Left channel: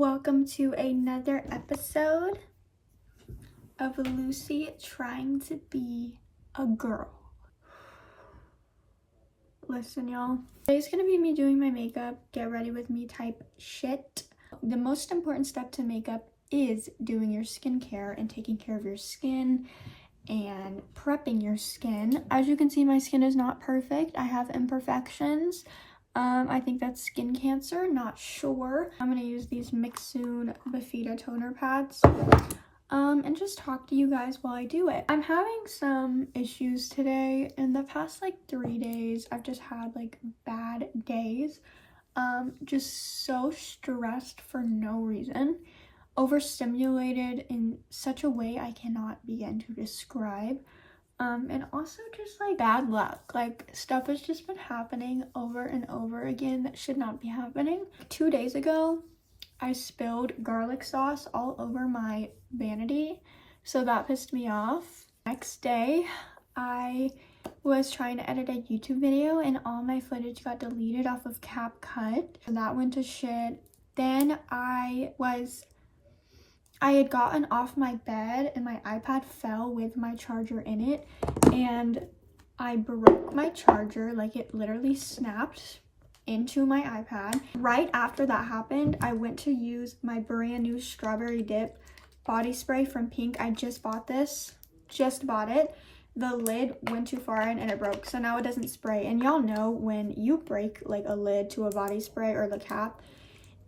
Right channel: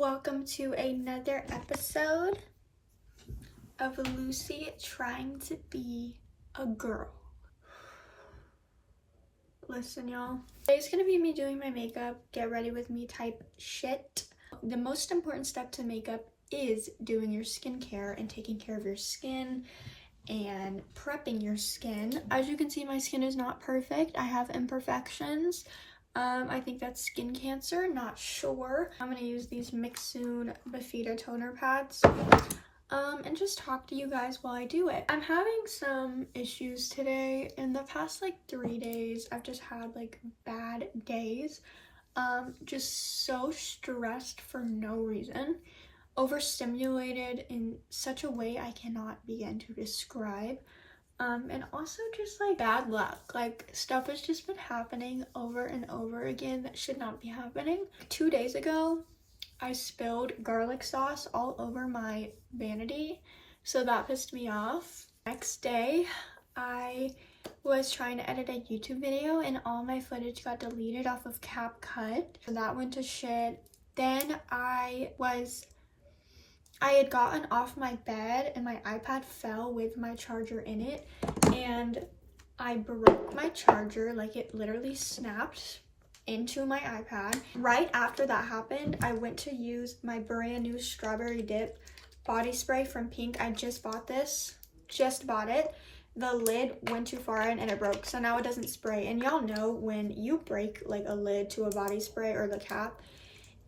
Welcome to another episode of Lucy trying to be a girl. Listen, y'all. Today's gonna be me doing my makeup, get ready with me type shit. The most important step to makeup is doing your skincare and taking care of your skin and prepping your skin. As you can see, my skin is not perfect. I have imperfections. I think that's skin cancer, not sure. I'm gonna use these Mixsoon Bafita toner pads and just talk to you guys while I do it. I'm having some issues today. In the past like 3 days, I've just had like bad days. Just so stressed for no reason. Overstimulated in such a way I cannot begin to describe. And also just like bad luck, like stuff has just been happening over and over again that should not be happening. 2 days ago, I spilled garlic sauce all over my vanity, so that pissed me off. Next day, I was trying to edit a YouTube video and all my footage got deleted off of CapCut, so that went to shit. Then I had gotten off my bed and my iPad fell with my charger in it, and I broke my charger. Like, it literally snapped into my iPad. Right after that happened, I went to use my brand new Strawberry Dip body spray from Pink. I just bought this, just bought it. The lid went too far in and it broke, so now it doesn't spray. And y'all know when you break like a lid to a body spray or the cap,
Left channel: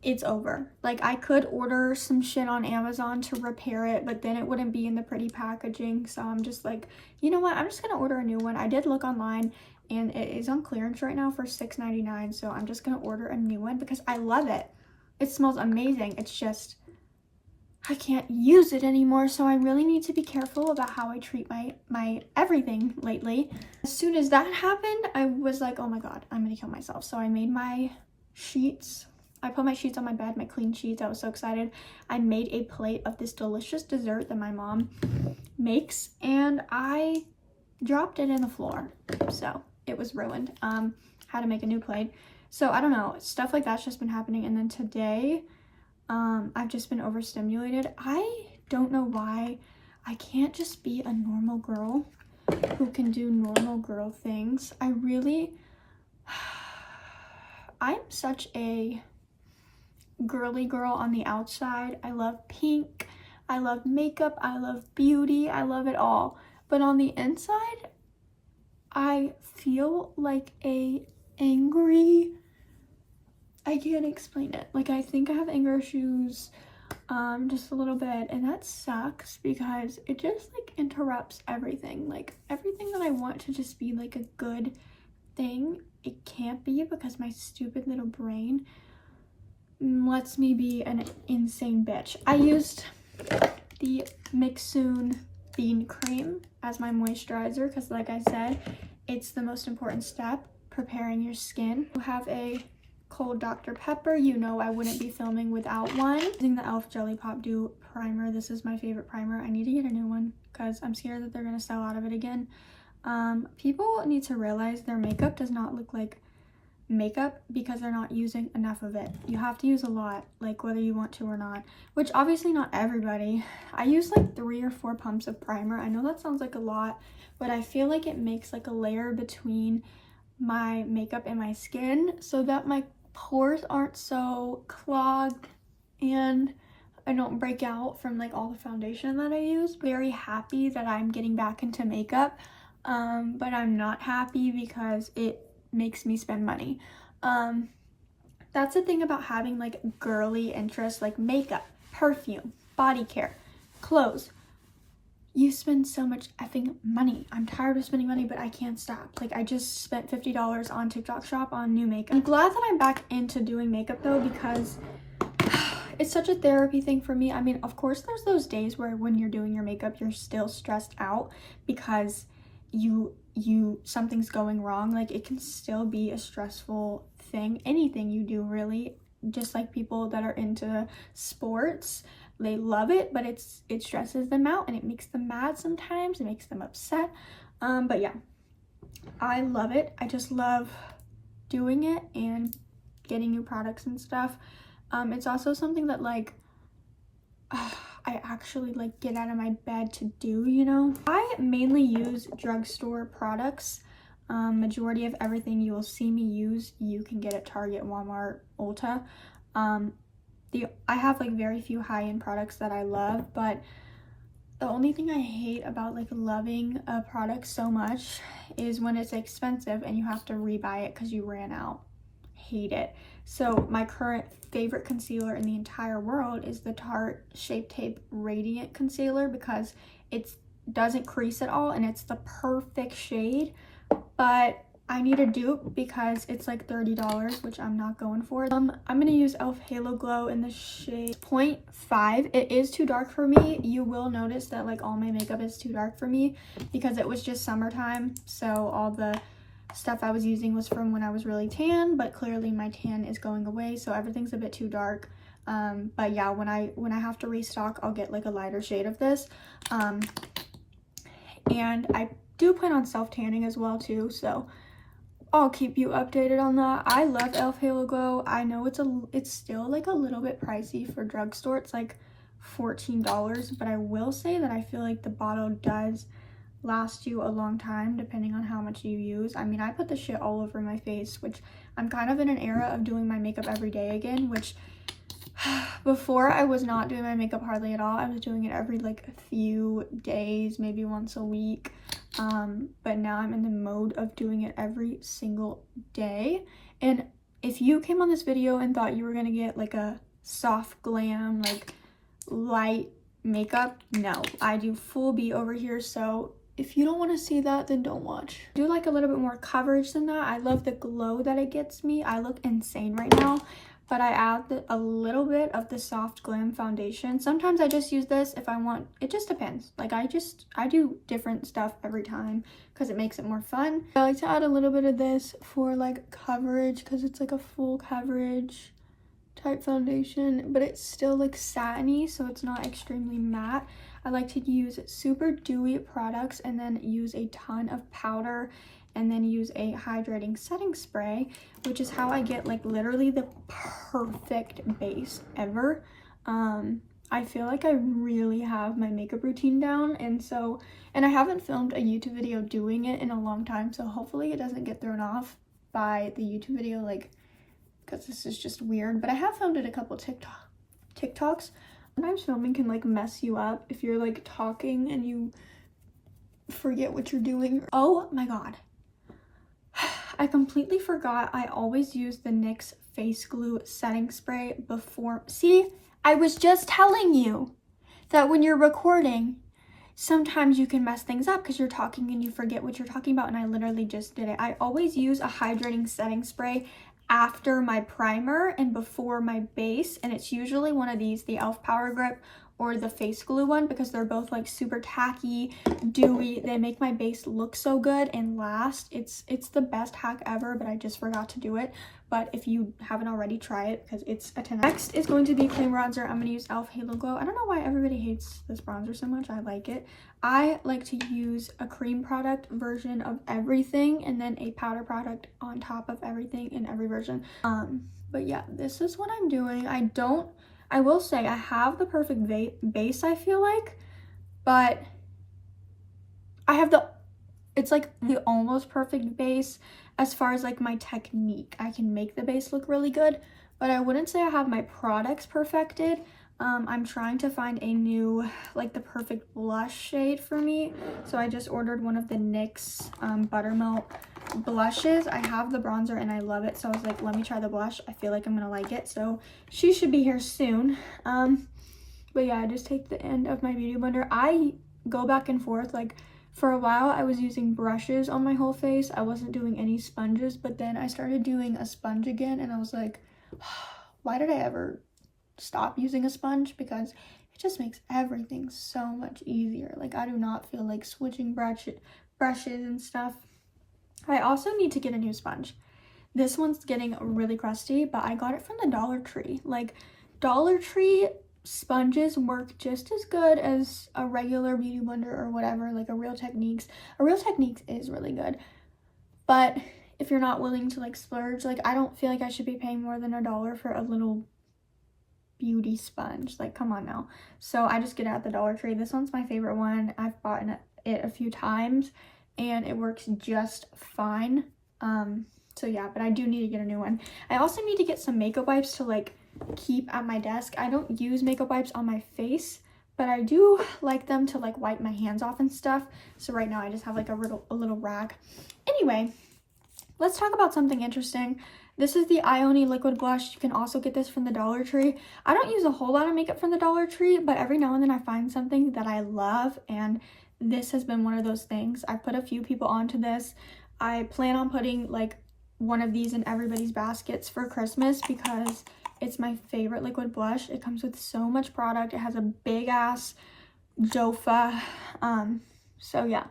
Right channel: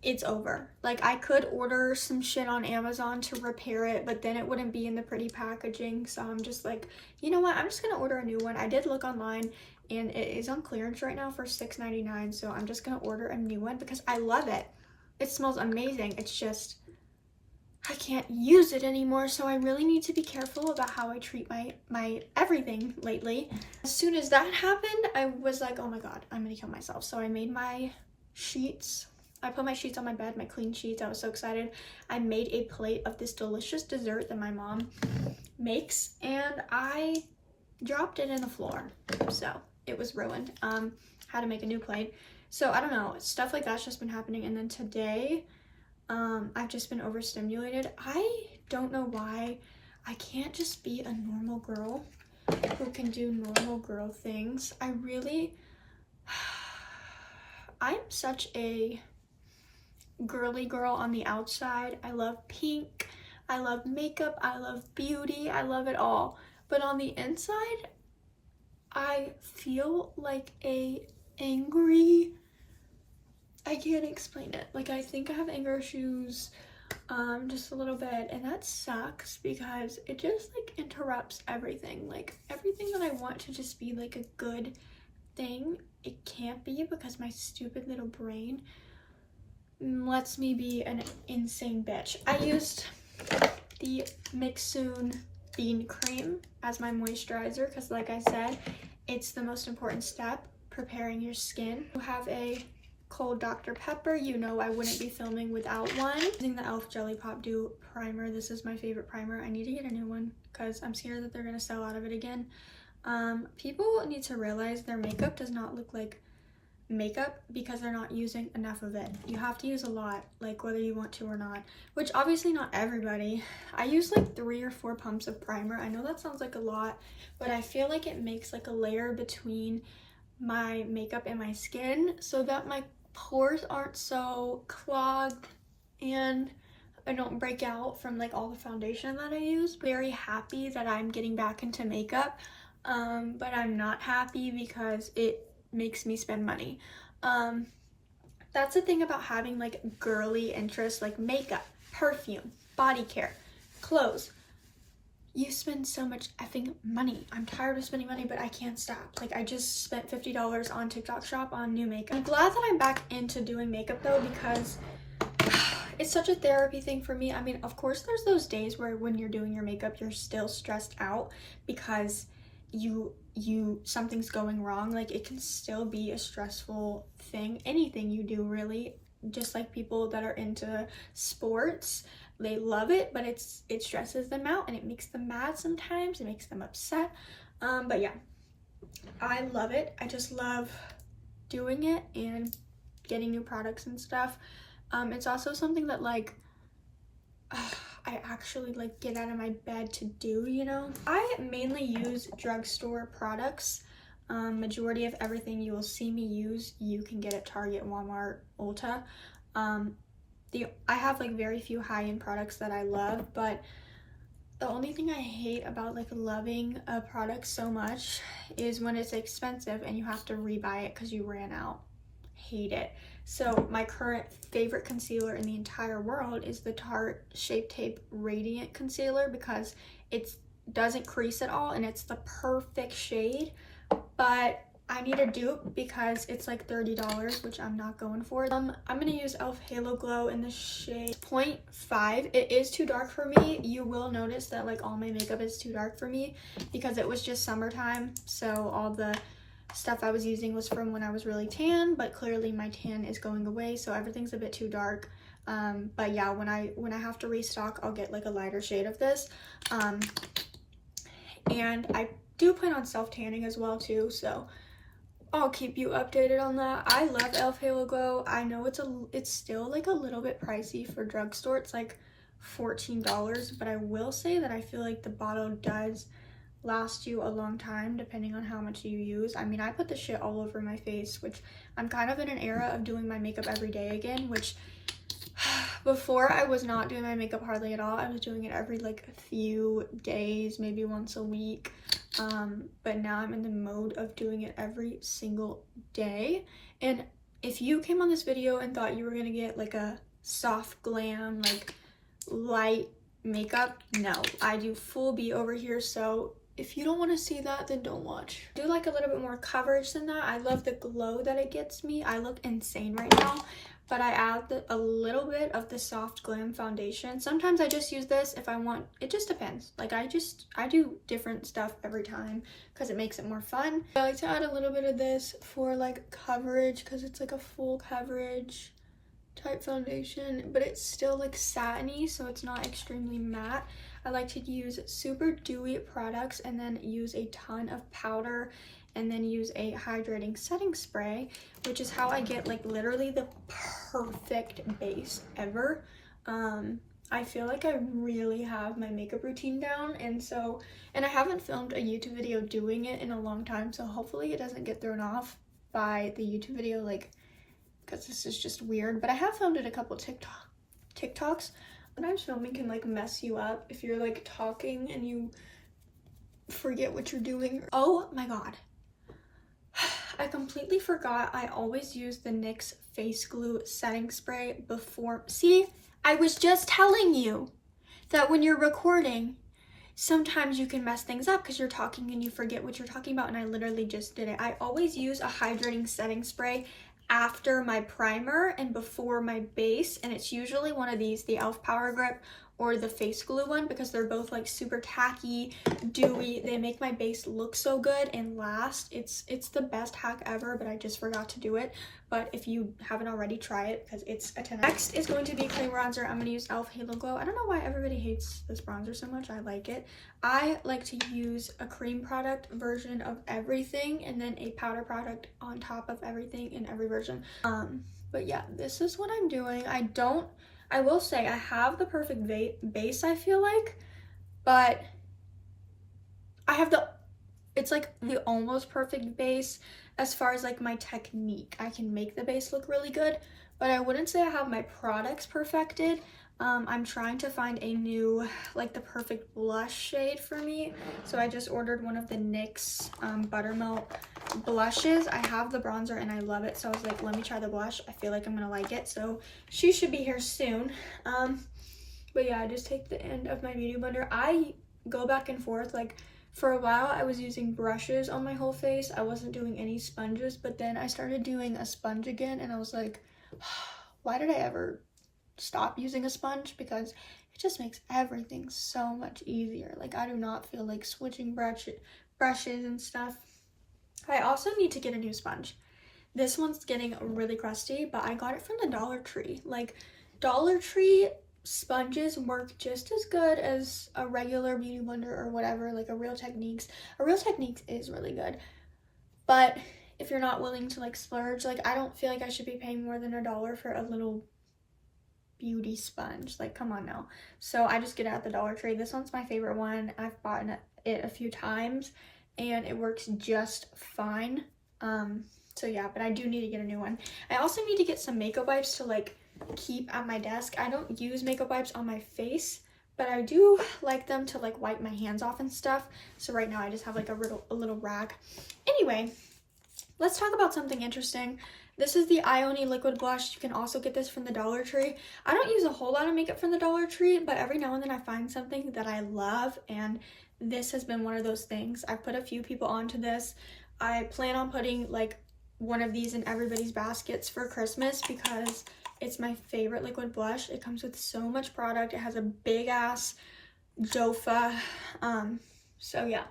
it's over. Like, I could order some shit on Amazon to repair it, but then it wouldn't be in the pretty packaging. So I'm just like, you know what? I'm just gonna order a new one. I did look online and it is on clearance right now for $6.99. So I'm just gonna order a new one because I love it. It smells amazing. It's just, I can't use it anymore. So I really need to be careful about how I treat my everything lately. As soon as that happened, I was like, oh my God, I'm gonna kill myself. So I made my sheets. I put my sheets on my bed, my clean sheets. I was so excited. I made a plate of this delicious dessert that my mom makes, and I dropped it in the floor. So it was ruined. Had to make a new plate. So I don't know, stuff like that's just been happening. And then today, I've just been overstimulated. I don't know why I can't just be a normal girl who can do normal girl things. I'm such a girly girl on the outside. I love pink, I love makeup, I love beauty, I love it all. But on the inside, I feel like a angry, I can't explain it. Like, I think I have anger issues, just a little bit, and that sucks because it just like interrupts everything. Like, everything that I want to just be like a good thing, it can't be because my stupid little brain lets me be an insane bitch. I used the Mixsoon Bean Cream as my moisturizer because, like I said, it's the most important step, preparing your skin. You have a cold Dr. Pepper. You know I wouldn't be filming without one. Using the e.l.f. Jelly Pop Dew Primer. This is my favorite primer. I need to get a new one because I'm scared that they're going to sell out of it again. People need to realize their makeup does not look like makeup because they're not using enough of it. You have to use a lot, like whether you want to or not, which obviously not everybody. I use like 3 or 4 pumps of primer. I know that sounds like a lot, but I feel like it makes like a layer between my makeup and my skin so that my pores aren't so clogged and I don't break out from like all the foundation that I use. Very happy that I'm getting back into makeup, but I'm not happy because it makes me spend money. That's the thing about having like girly interests like makeup, perfume, body care, clothes. You spend so much effing money. I'm tired of spending money, but I can't stop. Like, I just spent $50 on TikTok shop on new makeup. I'm glad that I'm back into doing makeup though, because it's such a therapy thing for me. I mean, of course there's those days where when you're doing your makeup, you're still stressed out because something's going wrong. Like, it can still be a stressful thing. Anything you do, really. Just like people that are into sports, they love it, but it stresses them out and it makes them mad sometimes. It makes them upset. But yeah, I love it. I just love doing it and getting new products and stuff. It's also something that like I actually like get out of my bed to do, you know. I mainly use drugstore products. Majority of everything you will see me use, you can get at Target, Walmart, Ulta. I have like very few high-end products that I love, but the only thing I hate about like loving a product so much is when it's expensive and you have to rebuy it because you ran out. Hate it. So my current favorite concealer in the entire world is the Tarte Shape Tape Radiant Concealer because it doesn't crease at all and it's the perfect shade. But I need a dupe because it's like $30, which I'm not going for. I'm gonna use e.l.f. Halo Glow in the shade 0.5. It is too dark for me. You will notice that like all my makeup is too dark for me because it was just summertime, so all the stuff I was using was from when I was really tan, but clearly my tan is going away, so everything's a bit too dark. But yeah, when I have to restock, I'll get like a lighter shade of this. And I do plan on self-tanning as well too, so I'll keep you updated on that. I love e.l.f. Halo Glow. I know it's still like a little bit pricey for drugstore. It's like $14, but I will say that I feel like the bottle does last you a long time depending on how much you use. I mean, I put this shit all over my face, which I'm kind of in an era of doing my makeup every day again, which before I was not doing my makeup hardly at all. I was doing it every like a few days, maybe once a week. But now I'm in the mode of doing it every single day. And if you came on this video and thought you were gonna get like a soft glam, like light makeup, no, I do full B over here. So if you don't want to see that, then don't watch. I do like a little bit more coverage than that. I love the glow that it gets me. I look insane right now, but I add a little bit of the Soft Glam foundation. Sometimes I just use this if I want. It just depends. Like I do different stuff every time because it makes it more fun. I like to add a little bit of this for like coverage because it's like a full coverage type foundation, but it's still like satiny, so it's not extremely matte. I like to use super dewy products and then use a ton of powder and then use a hydrating setting spray, which is how I get like literally the perfect base ever. I feel like I really have my makeup routine down, and I haven't filmed a YouTube video doing it in a long time, so hopefully it doesn't get thrown off by the YouTube video, like, because this is just weird. But I have filmed it a couple TikToks. Sometimes filming can like mess you up if you're like talking and you forget what you're doing. Oh my god, I completely forgot I always use the NYX face glue setting spray before. See, I was just telling you that when you're recording, sometimes you can mess things up because you're talking and you forget what you're talking about, and I literally just did it. I always use a hydrating setting spray after my primer and before my base, and it's usually one of these, the e.l.f. Power Grip or the face glue one, because they're both like super tacky, dewy. They make my base look so good and last. It's the best hack ever, but I just forgot to do it. But if you haven't already, try it because it's a 10. Next is going to be cream bronzer. I'm going to use e.l.f. Halo Glow. I don't know why everybody hates this bronzer so much. I like it. I like to use a cream product version of everything and then a powder product on top of everything in every version. But yeah, this is what I'm doing. I will say I have the perfect base, I feel like, but I have it's like the almost perfect base as far as like my technique. I can make the base look really good, but I wouldn't say I have my products perfected. I'm trying to find a new, like the perfect blush shade for me. So I just ordered one of the NYX Buttermilk blushes. I have the bronzer and I love it. So I was like, let me try the blush. I feel like I'm gonna like it. So she should be here soon. But yeah, I just take the end of my beauty blender. I go back and forth. Like for a while I was using brushes on my whole face. I wasn't doing any sponges, but then I started doing a sponge again and I was like, why did I ever stop using a sponge? Because it just makes everything so much easier. Like I do not feel like switching brushes and stuff. I also need to get a new sponge. This one's getting really crusty, but I got it from the Dollar Tree. Like Dollar Tree sponges work just as good as a regular beauty blender or whatever, like a Real Techniques. A Real Techniques is really good, but if you're not willing to like splurge, like I don't feel like I should be paying more than $1 for a little beauty sponge. Like, come on now. So I just get it at the Dollar Tree. This one's my favorite one. I've bought it a few times and it works just fine. So yeah, but I do need to get a new one. I also need to get some makeup wipes to like keep at my desk. I don't use makeup wipes on my face, but I do like them to like wipe my hands off and stuff. So right now I just have like a little rag. Anyway, let's talk about something interesting. This is the Ioni liquid blush. You can also get this from the Dollar Tree. I don't use a whole lot of makeup from the Dollar Tree, but every now and then I find something that I love, and this has been one of those things. I've put a few people onto this. I plan on putting like one of these in everybody's baskets for Christmas because it's my favorite liquid blush. It comes with so much product. It has a big ass dofa. So yeah,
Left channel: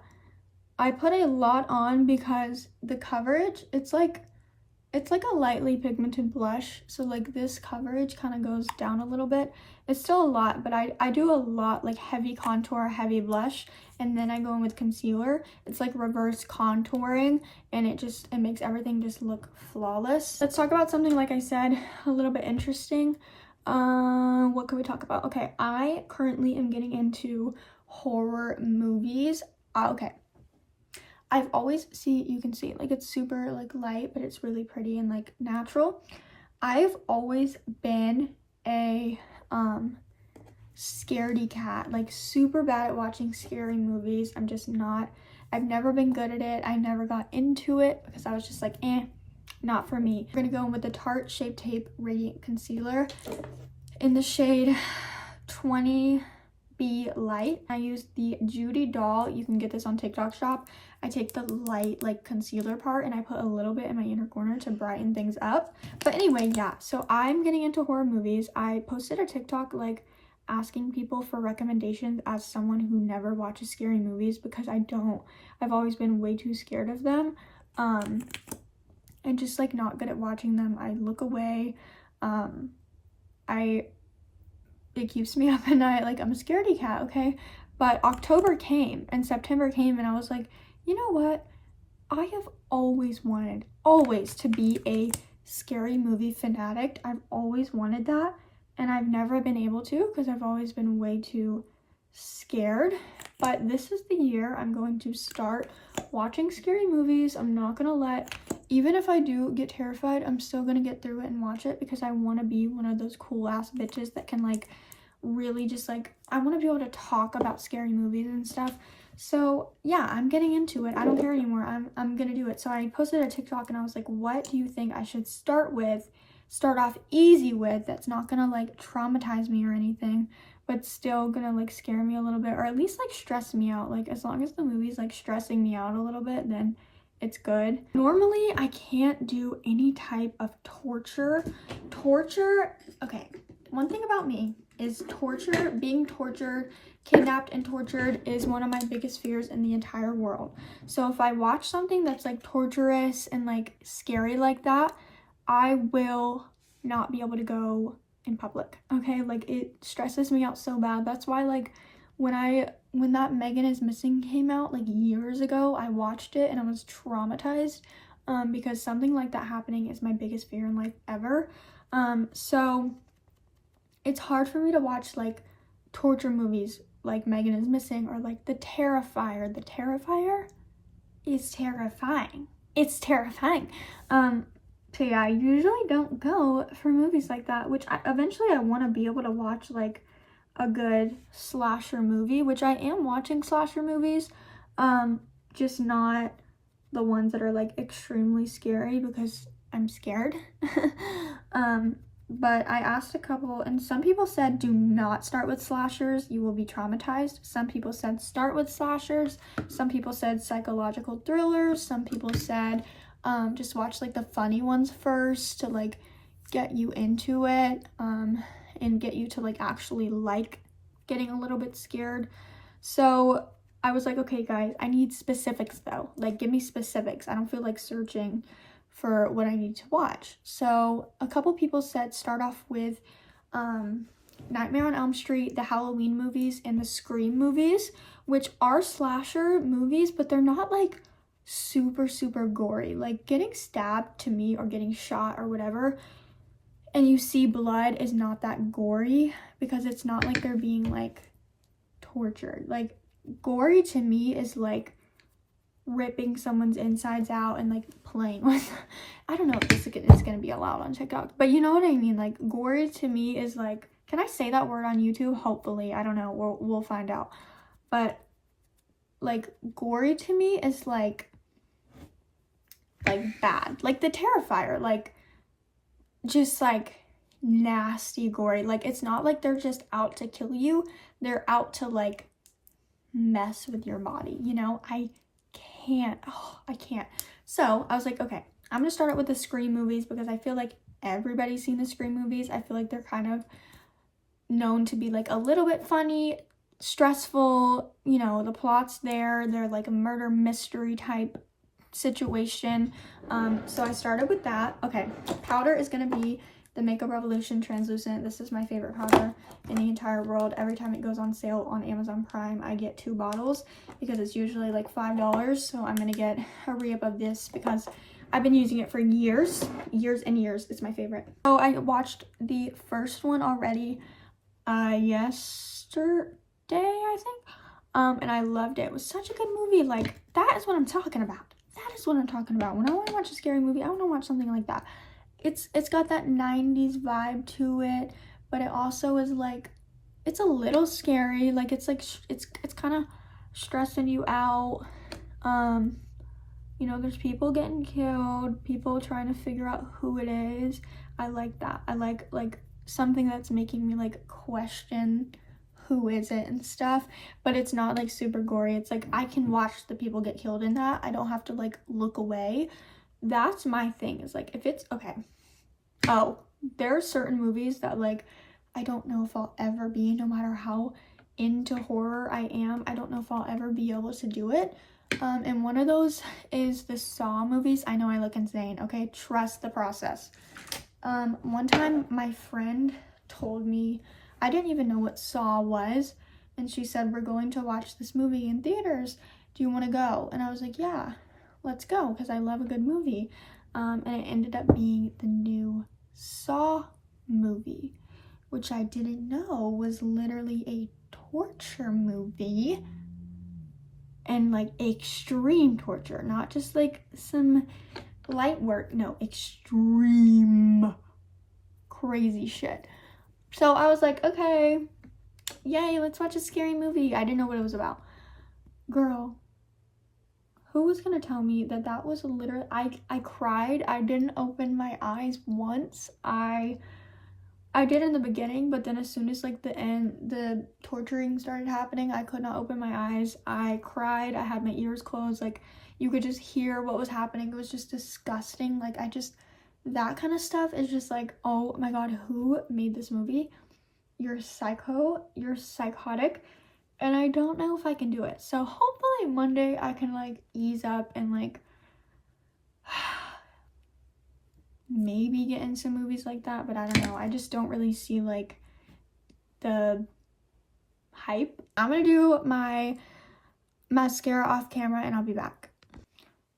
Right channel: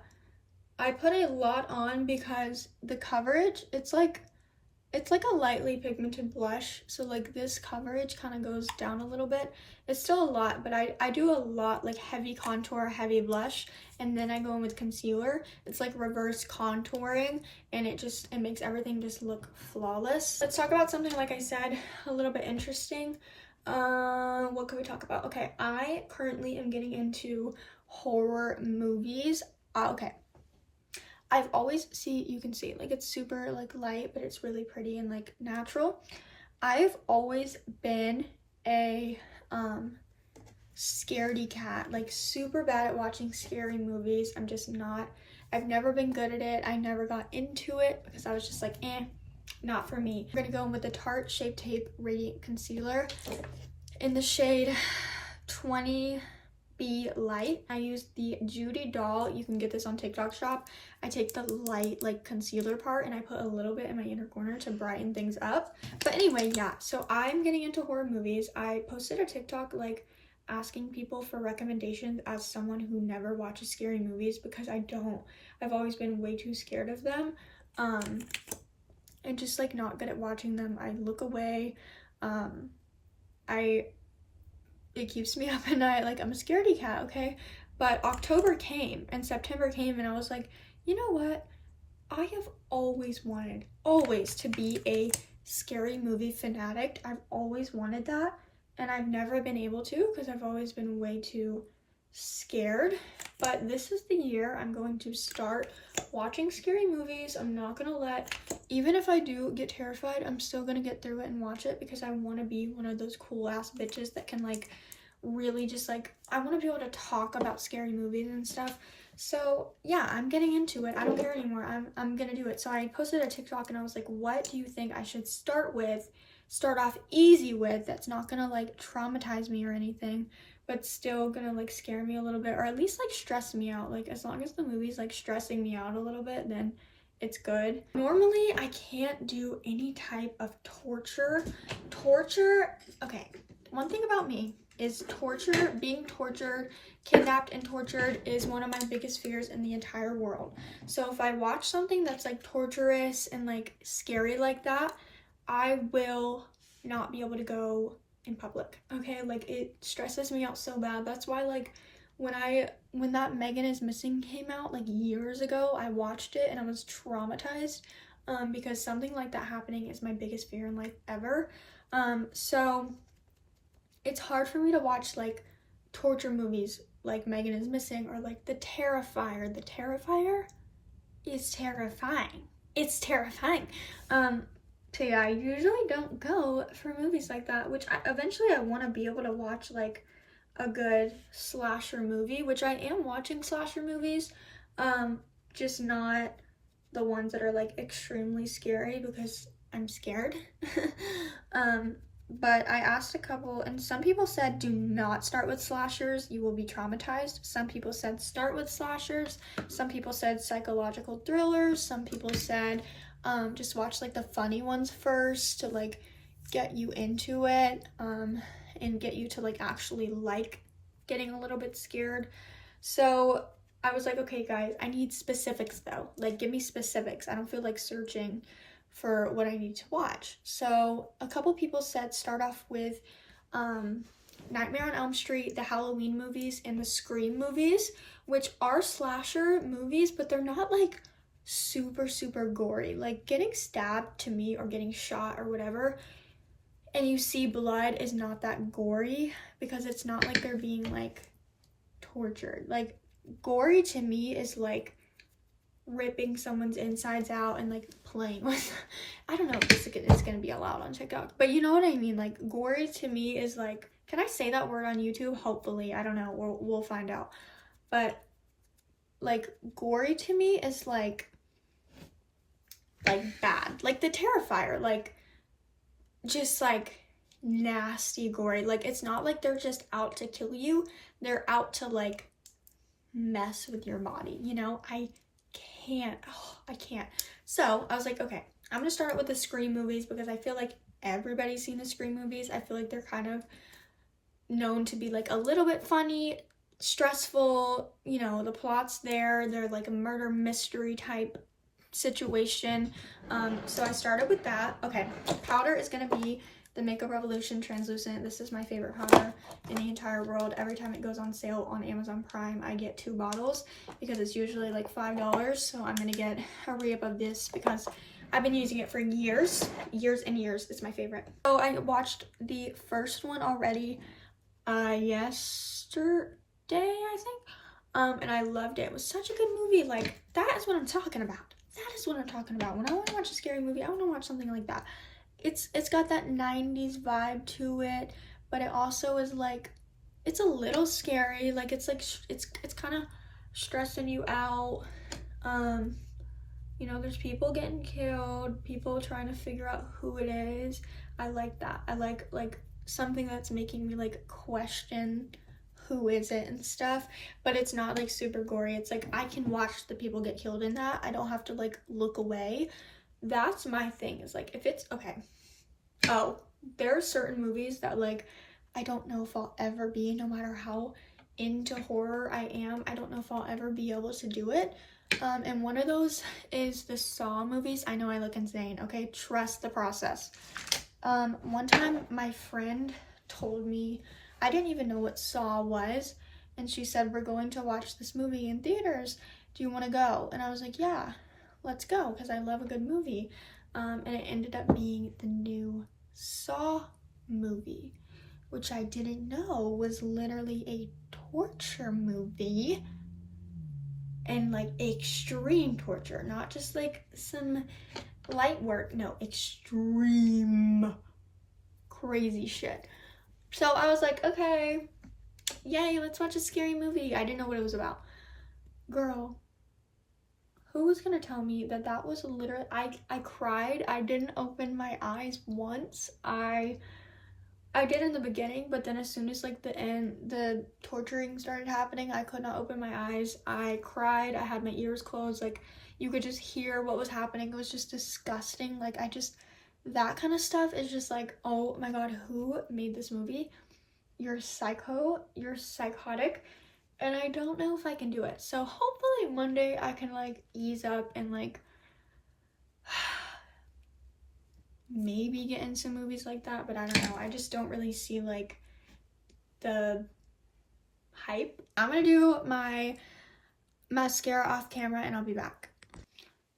I put a lot on because the coverage, it's like a lightly pigmented blush, so like this coverage kind of goes down a little bit. It's still a lot, but I do a lot like heavy contour, heavy blush, and then I go in with concealer. It's like reverse contouring, and it makes everything just look flawless. Let's talk about something, like I said, a little bit interesting. What can we talk about? Okay, I currently am getting into horror movies. Okay. I've always you can see like it's super like light, but it's really pretty and like natural. I've always been a scaredy cat, like super bad at watching scary movies. I'm just not. I've never been good at it. I never got into it because I was just like, not for me. We're gonna go in with the Tarte Shape Tape Radiant Concealer in the shade 20B Light. I use the Judy Doll. You can get this on TikTok Shop. I take the light like concealer part and I put a little bit in my inner corner to brighten things up. But anyway, yeah, so I'm getting into horror movies. I posted a TikTok like asking people for recommendations as someone who never watches scary movies because I've always been way too scared of them. And just like not good at watching them. I look away. It keeps me up at night. Like, I'm a scaredy cat, okay? But October came and September came and I was like, you know what? I have always wanted, to be a scary movie fanatic. I've always wanted that, and I've never been able to because I've always been way too scared. But this is the year I'm going to start watching scary movies. I'm not gonna even if I do get terrified, I'm still gonna get through it and watch it because I want to be one of those cool ass bitches that can like really just like, I want to be able to talk about scary movies and stuff. So yeah, I'm getting into it. I don't care anymore. I'm gonna do it. So I posted a TikTok and I was like, what do you think I should start off easy with, that's not gonna like traumatize me or anything, but still gonna like scare me a little bit, or at least like stress me out. Like, as long as the movie's like stressing me out a little bit, then it's good. Normally I can't do any type of torture. Okay, one thing about me is being tortured, kidnapped and tortured is one of my biggest fears in the entire world. So if I watch something that's like torturous and like scary like that, I will not be able to go in public, okay? Like, it stresses me out so bad. That's why like when that Megan is Missing came out like years ago, I watched it and I was traumatized because something like that happening is my biggest fear in life ever. So it's hard for me to watch like torture movies like Megan is Missing or like The Terrifier. The Terrifier is terrifying. It's terrifying. So yeah, I usually don't go for movies like that, which eventually I want to be able to watch like a good slasher movie, which I am watching slasher movies, just not the ones that are like extremely scary because I'm scared. But I asked a couple, and some people said do not start with slashers, you will be traumatized. Some people said start with slashers. Some people said psychological thrillers. Some people said just watch like the funny ones first to like get you into it, and get you to like actually like getting a little bit scared. So I was like, okay guys, I need specifics though. Like, give me specifics. I don't feel like searching for what I need to watch. So a couple people said start off with Nightmare on Elm Street, the Halloween movies, and the Scream movies, which are slasher movies, but they're not like super gory. Like, getting stabbed to me or getting shot or whatever and you see blood is not that gory, because it's not like they're being like tortured. Like gory to me is like ripping someone's insides out and like playing with I don't know if this is gonna be allowed on TikTok, but you know what I mean. Like gory to me is like, can I say that word on YouTube? Hopefully. I don't know, we'll find out. But like gory to me is like bad, like the Terrifier, like just like nasty gory. Like it's not like they're just out to kill you, they're out to like mess with your body, you know? I can't. So I was like, okay, I'm gonna start out with the Scream movies, because I feel like everybody's seen the Scream movies. I feel like they're kind of known to be like a little bit funny, stressful, you know, the plot's there, they're like a murder mystery type situation. So I started with that. Okay, powder is gonna be the Makeup Revolution Translucent. This is my favorite powder in the entire world. Every time it goes on sale on Amazon Prime, I get 2 bottles because it's usually like $5. So I'm gonna get a re-up of this because I've been using it for years and years. It's my favorite. So I watched the first one already yesterday, I think, and I loved it. It was such a good movie. Like, that is what I'm talking about. That is what I'm talking about. When I want to watch a scary movie, I want to watch something like that. It's got that 90s vibe to it, but it also is like, it's a little scary. Like it's like it's kind of stressing you out. You know, there's people getting killed, people trying to figure out who it is. I like that. I like something that's making me like question who is it and stuff, but it's not like super gory. It's like I can watch the people get killed in that. I don't have to like look away. That's my thing, is like, if it's okay. Oh, there are certain movies that like I don't know if I'll ever be, no matter how into horror I am, I don't know if I'll ever be able to do it. And one of those is the Saw movies. I know I look insane, okay? Trust the process. One time my friend told me, I didn't even know what Saw was, and she said, we're going to watch this movie in theaters. Do you want to go? And I was like, yeah, let's go, because I love a good movie. And it ended up being the new Saw movie, which I didn't know was literally a torture movie, and like extreme torture, not just like some light work. No, extreme crazy shit. So I was like, okay, yay, let's watch a scary movie. I didn't know what it was about. Girl, who was gonna tell me that that was literally, I cried. I didn't open my eyes once. I did in the beginning, but then as soon as like the torturing started happening, I could not open my eyes. I cried. I had my ears closed. Like, you could just hear what was happening. It was just disgusting. Like, that kind of stuff is just like, oh my god, who made this movie? You're psycho, you're psychotic, and I don't know if I can do it. So hopefully one day I can like ease up and like maybe get into movies like that, but I don't know. I just don't really see like the hype. I'm gonna do my mascara off camera and I'll be back.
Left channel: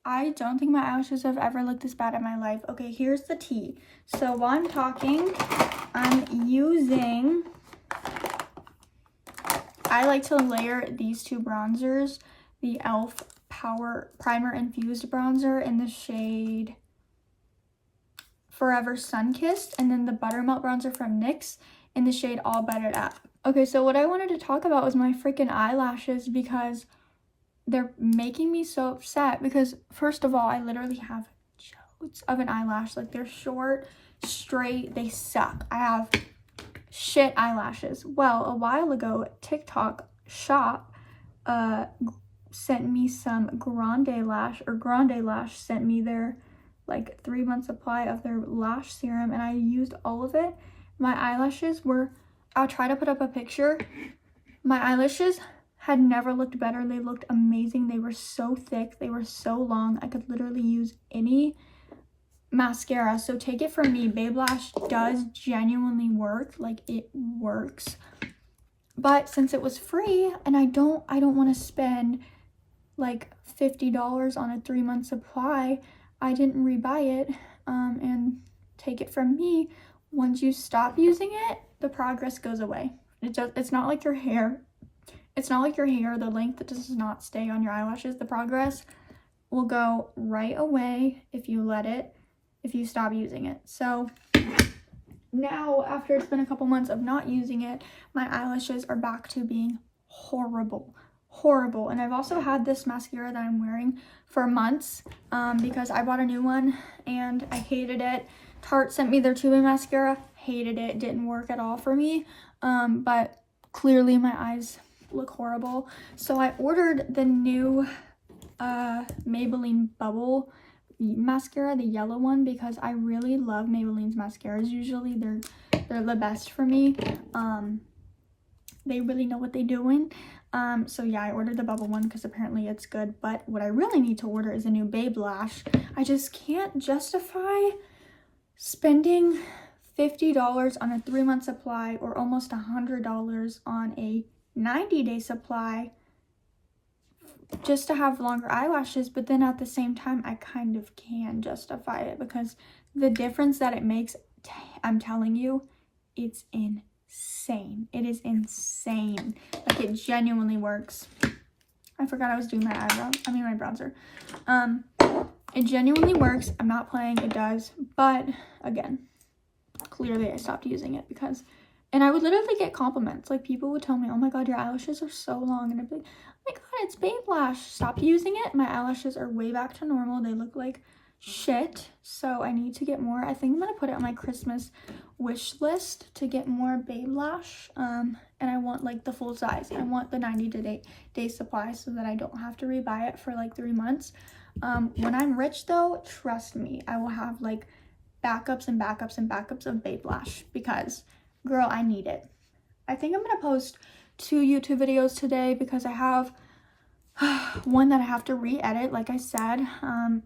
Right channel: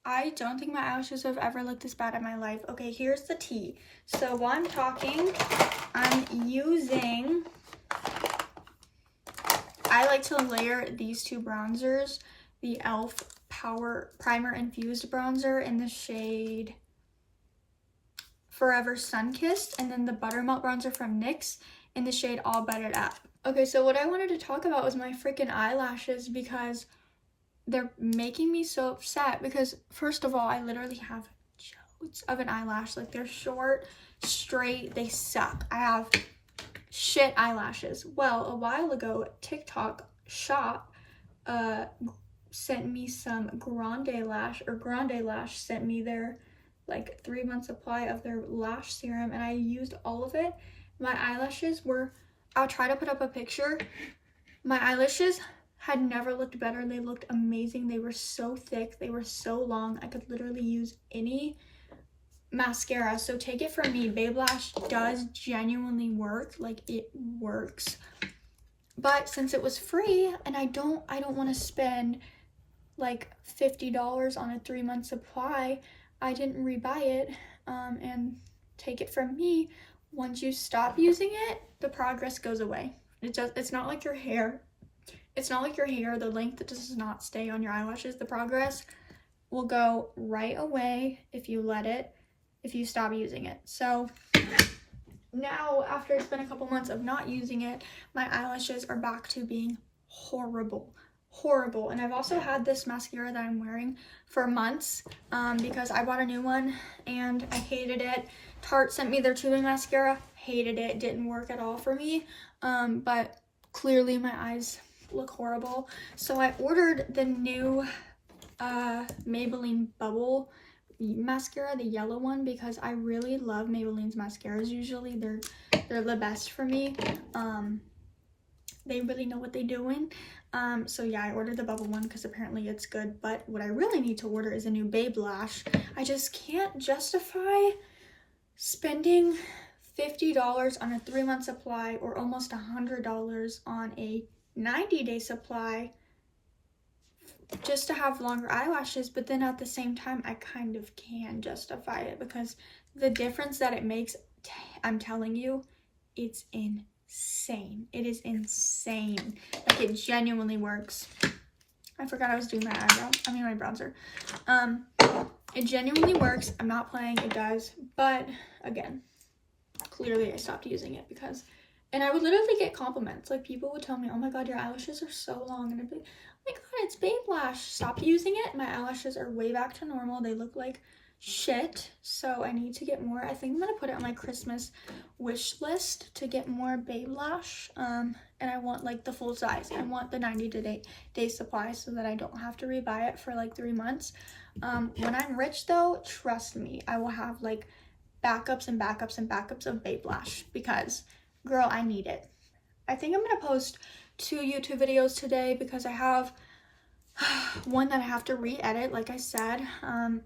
I don't think my eyelashes have ever looked this bad in my life. Okay, here's the tea. So while I'm talking, I'm using, I like to layer these 2 bronzers, the e.l.f. Power Primer Infused Bronzer in the shade Forever Sunkissed, and then the Buttermelt Bronzer from NYX in the shade All Buttered Up. Okay, so what I wanted to talk about was my freaking eyelashes, because they're making me so upset. Because first of all, I literally have chodes of an eyelash. Like, they're short, straight, they suck. I have shit eyelashes. Well, a while ago, TikTok Shop sent me some Grande Lash sent me their like 3-month supply of their lash serum, and I used all of it. My eyelashes were, I'll try to put up a picture. My eyelashes had never looked better. They looked amazing. They were so thick, they were so long. I could literally use any mascara. So take it from me, Babe Lash does genuinely work. Like, it works. But since it was free, and I don't want to spend like $50 on a 3-month supply, I didn't rebuy it. And take it from me, once you stop using it, the progress goes away. It's not like your hair. It's not like your hair, the length does not stay on your eyelashes. The progress will go right away if you let it, if you stop using it. So now, after it's been a couple months of not using it, my eyelashes are back to being horrible. And I've also had this mascara that I'm wearing for months because I bought a new one and I hated it. Tarte sent me their tubing mascara, hated it, didn't work at all for me, but clearly my eyes look horrible. So I ordered the new Maybelline Bubble mascara, the yellow one, because I really love Maybelline's mascaras. Usually they're the best for me. They really know what they're doing. So yeah, I ordered the bubble one because apparently it's good, but what I really need to order is a new Babe Lash. I just can't justify spending $50 on a 3-month supply or almost $100 on a 90-day supply just to have longer eyelashes. But then at the same time, I kind of can justify it because the difference that it makes, I'm telling you, it's insane. It is insane. Like, it genuinely works. I forgot I was doing my eyebrows. I mean my bronzer. It genuinely works. I'm not playing. It does. But again, clearly I stopped using it because, and I would literally get compliments. Like, people would tell me, oh my god, your eyelashes are so long, and I'd be like, oh my god, it's Babe Lash. Stop using it. My eyelashes are way back to normal. They look like shit, so I need to get more. I think I'm gonna put it on my Christmas wish list to get more Babe Lash, and I want like the full size. I want the 90-day supply so that I don't have to rebuy it for like 3 months. When I'm rich though, trust me, I will have like backups and backups and backups of Babe Lash because, girl, I need it. I think I'm gonna post 2 YouTube videos today because I have one that I have to re-edit. Like I said,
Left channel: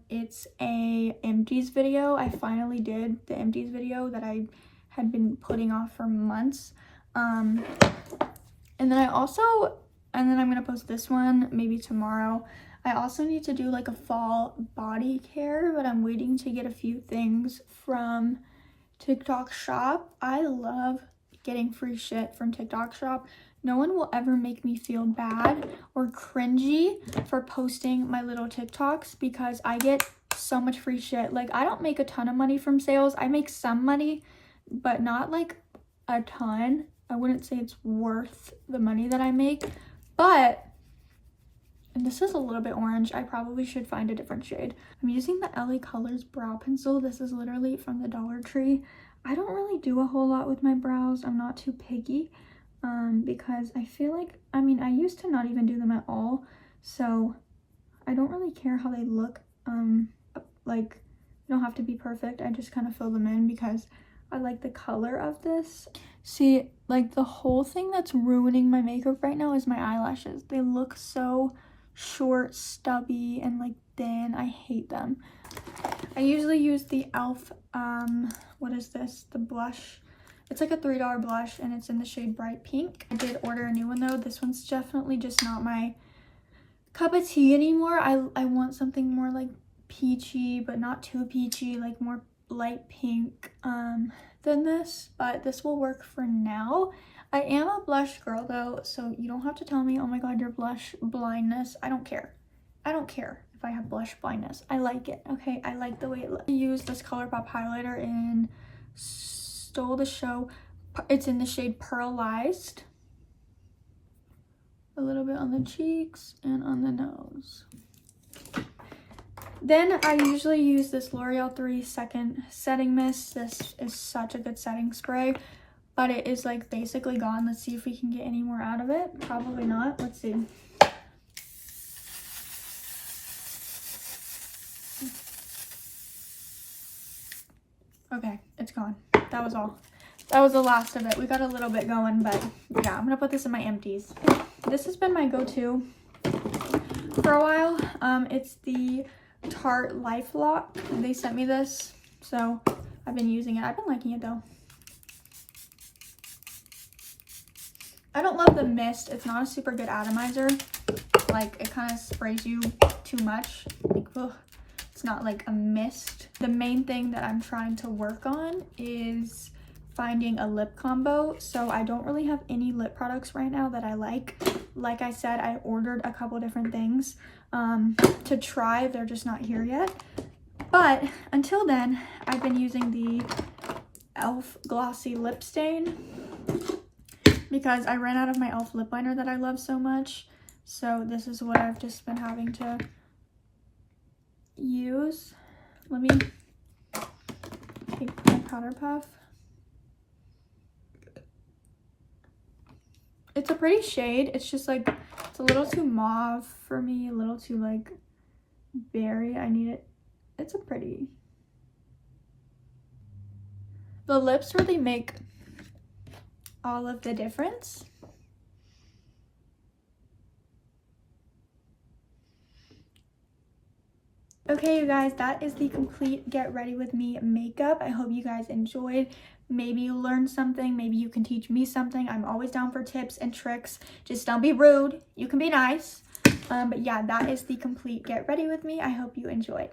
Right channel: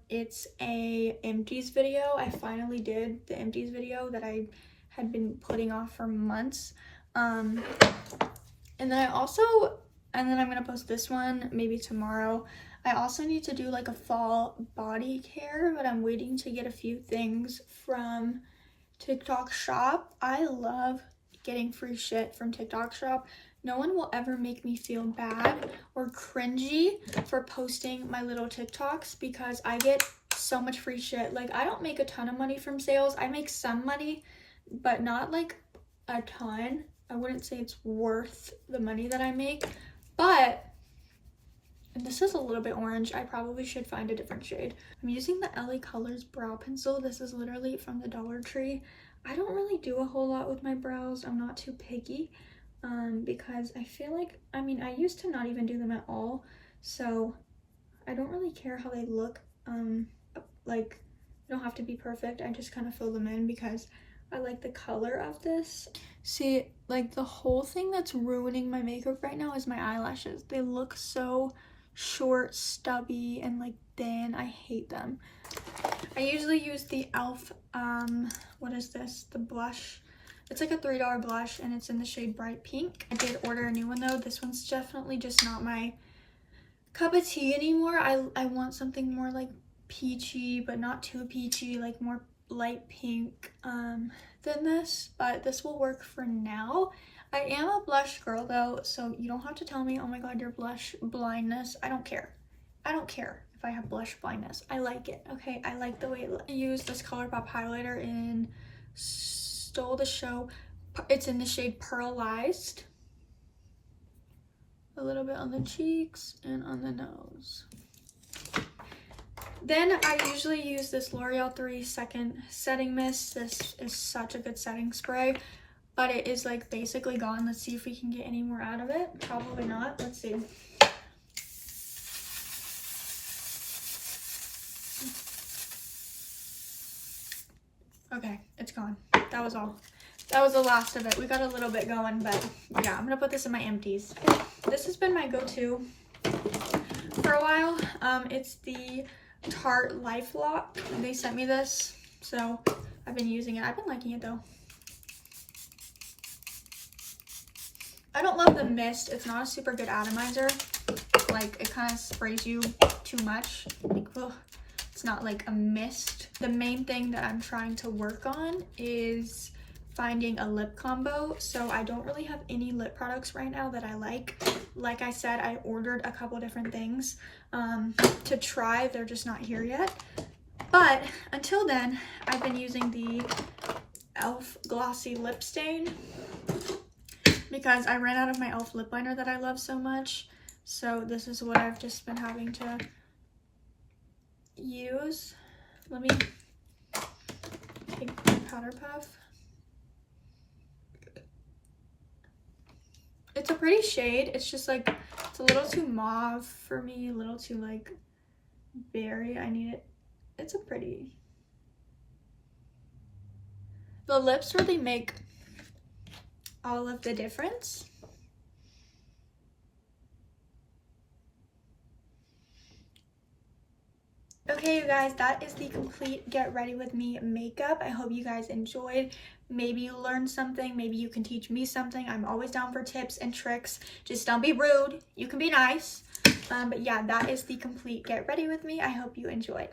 it's a empties video. I finally did the empties video that I had been putting off for months. And then I'm gonna post this one maybe tomorrow. I also need to do like a fall body care, but I'm waiting to get a few things from TikTok Shop. I love getting free shit from TikTok Shop. No one will ever make me feel bad or cringy for posting my little TikToks because I get so much free shit. Like, I don't make a ton of money from sales. I make some money, but not like a ton. I wouldn't say it's worth the money that I make, but, and this is a little bit orange. I probably should find a different shade. I'm using the LA Colors brow pencil. This is literally from the Dollar Tree. I don't really do a whole lot with my brows. I'm not too picky. Because I feel like, I mean, I used to not even do them at all, so I don't really care how they look. Like, they don't have to be perfect. I just kind of fill them in because I like the color of this. See, like, the whole thing that's ruining my makeup right now is my eyelashes. They look so short, stubby, and like thin. I hate them. I usually use the e.l.f. What is this? The blush. It's like a $3 blush and it's in the shade Bright Pink. I did order a new one though. This one's definitely just not my cup of tea anymore. I want something more like peachy, but not too peachy, like more light pink than this, but this will work for now. I am a blush girl though, so you don't have to tell me, oh my god, your blush blindness. I don't care. I don't care if I have blush blindness. I like it, okay? I like the way it looks. I use this ColourPop highlighter in Stole the Show. It's in the shade Pearlized. A little bit on the cheeks and on the nose. Then I usually use this L'Oreal 3 Second Setting Mist. This is such a good setting spray, but it is like basically gone. Let's see if we can get any more out of it. Probably not. Let's see. Okay, it's gone. That was all. That was the last of it. We got a little bit going, but yeah, I'm gonna put this in my empties. This has been my go-to for a while. It's the Tarte Life Lock. They sent me this, so I've been using it. I've been liking it though. I don't love the mist. It's not a super good atomizer. Like, it kind of sprays you too much. Like, ugh. It's not like a mist. The main thing that I'm trying to work on is finding a lip combo. So I don't really have any lip products right now that I like. Like I said, I ordered a couple different things to try. They're just not here yet. But until then, I've been using the e.l.f. Glossy Lip Stain because I ran out of my e.l.f. lip liner that I love so much. So this is what I've just been having to use. Let me take my powder puff. It's a pretty shade. It's just like, it's a little too mauve for me, a little too like berry. I need it. It's a pretty. The lips really make all of the difference. Okay, you guys, that is the complete Get Ready With Me makeup. I hope you guys enjoyed. Maybe you learned something. Maybe you can teach me something. I'm always down for tips and tricks. Just don't be rude. You can be nice. But yeah, that is the complete Get Ready With Me. I hope you enjoyed.